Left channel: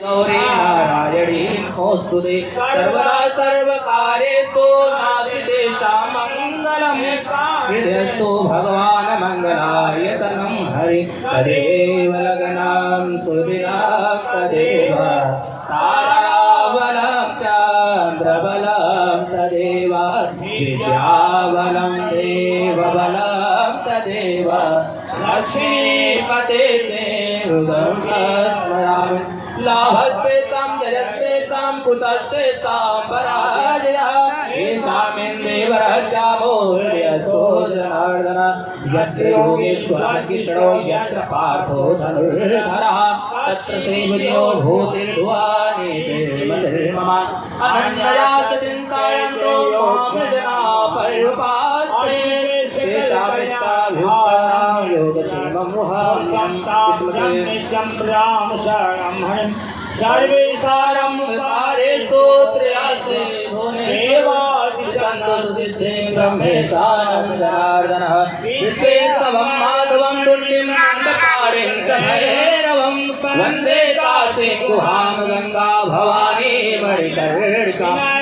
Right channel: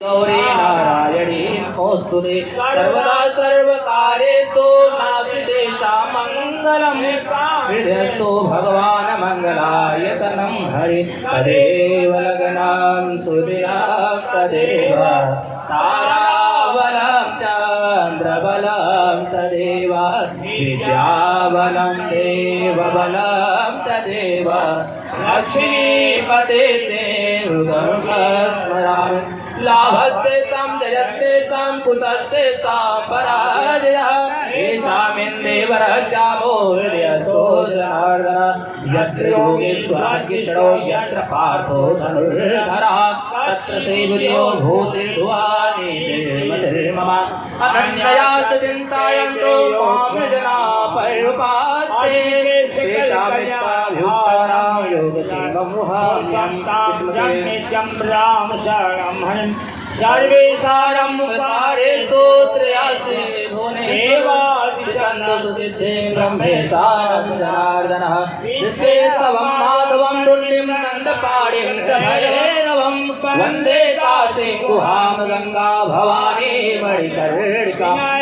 गौरी नारायणी नमोस्तुते सर्वदा सर्वकार्येषु नास्ति मंगलम हृदयस्तु भगवान मंगलायतनं हरि तदेव लग्नं सुदिनं तदेव ताराबलं चन्द्रबलं तदेव विद्याबलं देवबलं तदेव लक्ष्मीपते ते हृदयं लाभस्ते साम जयस्ते साम कुतस्ते साम पराजया येषामिन्देवर श्यामो हृदयस्थो जनार्दन यत्र योगेश्वर किशोरो यत्र पार्थो धनुर्धरः तत्र श्रीबुद्ध्यो भूतिर्भुवने देवधर्मा अनन्यया चिन्तयन्तो मां जना पर्युपास्ते तेषामित्ताभ्युत्तरां योगक्षेममुहार्यं स्मृतिं प्राणशरणं सर्वेशारं तारे स्तोत्रयास्ते भुवनेश्वरसिद्धिं ब्रह्मेशानं जनार्दनः विश्वेशवं माधवं पुण्यं नन्दपाणिं च भैरवं वन्दे काशीं गुहां गङ्गा भवानी मणिकर्णिकाम्